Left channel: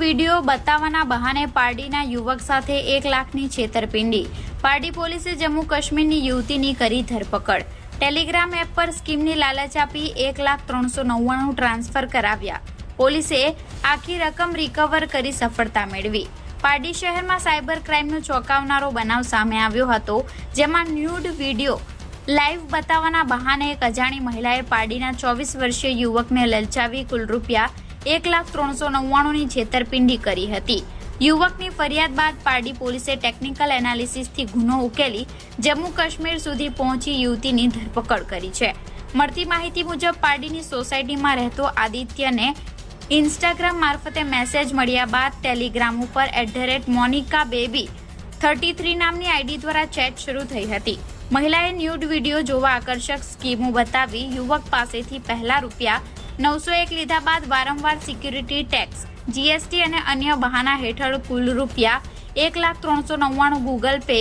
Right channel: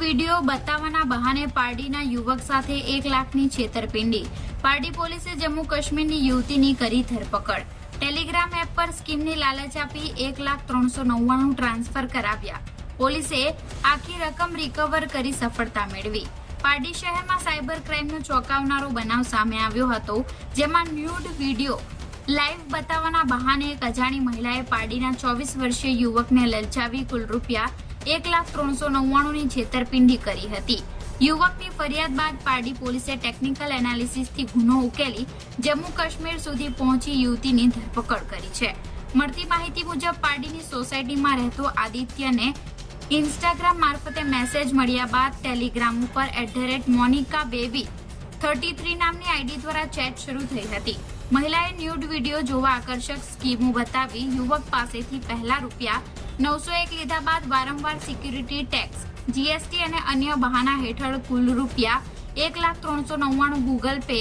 Video બતાવવાના બહાને પારડીના યુવક સાથે એક લાખની છેતરપિંડી. પારડી પોલીસે જમ્મુ કાશ્મીરની યુવતીની કરી ધરપકડ. ટેલિગ્રામ એપ પર સ્કીમની લાલચ આપી એક લાખ ત્રણસો નવ્વાણું ટ્રાન્સફર કરાવ્યા. પોલીસે આખી રકમ રિકવર કરી સફળતા મેળવી. પારડી શહેરમાં સાયબર ક્રાઇમનો ચોંકાવનારો બનાવ સામે આવ્યો હતો, જેમાં ન્યૂડ વીડિયો લાઈવ બતાવવાના બહાને એક અજાણી મહિલાએ પારડીના ચોવીસ વર્ષીય યુવકને લલચાવી કુલ રૂપિયા એક લાખ ત્રણસો નવ્વાણુંની છેતરપિંડી કરી હતી. યુવકની ફરિયાદ બાદ પારડી પોલીસે ટેકનિકલ એનાલિસિસથી ગુનો ઉકેલી જમ્મુ કાશ્મીર સુધી પહોંચી યુવતીની ધરપકડ કરી છે. મળતી માહિતી મુજબ પારડીની સોસાયટીમાં રહેતો આદિત્યને ઇન્સ્ટાગ્રામ મારફતે મેસેજ મળ્યા બાદ ટેલિગ્રામ ઉપર at the rate Monika baby thirty three નામની આઈડી દ્વારા ચેટ શરૂ થઈ હતી. મહિલાએ ન્યૂડ વીડિયો જોવા આકર્ષક સ્કીમો બતાવી યુવક પાસેથી પહેલા રૂપિયા નવસો એક લીધા બાદ વારંવાર સિક્યુરિટી ટેક્સ, જીએસટી અને અન્ય બહાના હેઠળ કુલ રૂપિયા એક લાખ ત્રણસો નવ્વાણું ગૂગલ પે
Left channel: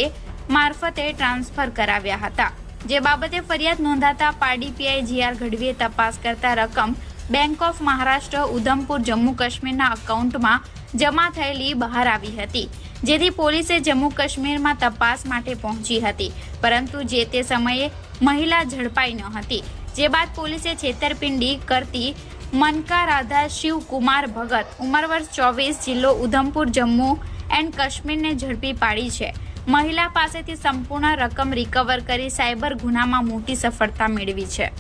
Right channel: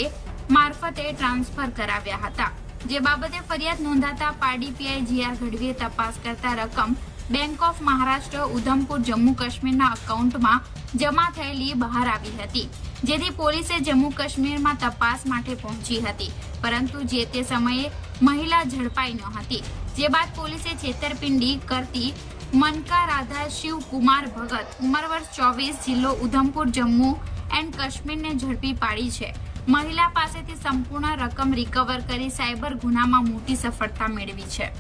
મારફતે ટ્રાન્સફર કરાવ્યા હતા. જે બાબતે ફરિયાદ નોંધાતા પારડી પીઆઈ જીઆર ગઢવીએ તપાસ કરતા રકમ બેંક ઓફ મહારાષ્ટ્ર, ઉધમપુર, જમ્મુ કાશ્મીરના અકાઉન્ટમાં જમા થયેલી બહાર આવી હતી, જેથી પોલીસે જમ્મુ કાશ્મીરમાં તપાસ માટે પહોંચી હતી. પરંતુ જે તે સમયે મહિલા ઝડપાઈ ન હતી, જે બાદ પોલીસે છેતરપિંડી કરતી મનકા રાધા શિવકુમાર ભગત ઉંમર વર્ષ ચોવીસ, જિલ્લો ઉધમપુર, જમ્મુ એન્ડ કાશ્મીરને ઝડપી પાડી છે. મહિલા પાસેથી સંપૂર્ણ રકમ રિકવર કરી સાયબર ગુનામાં મોટી સફળતા મેળવી છે.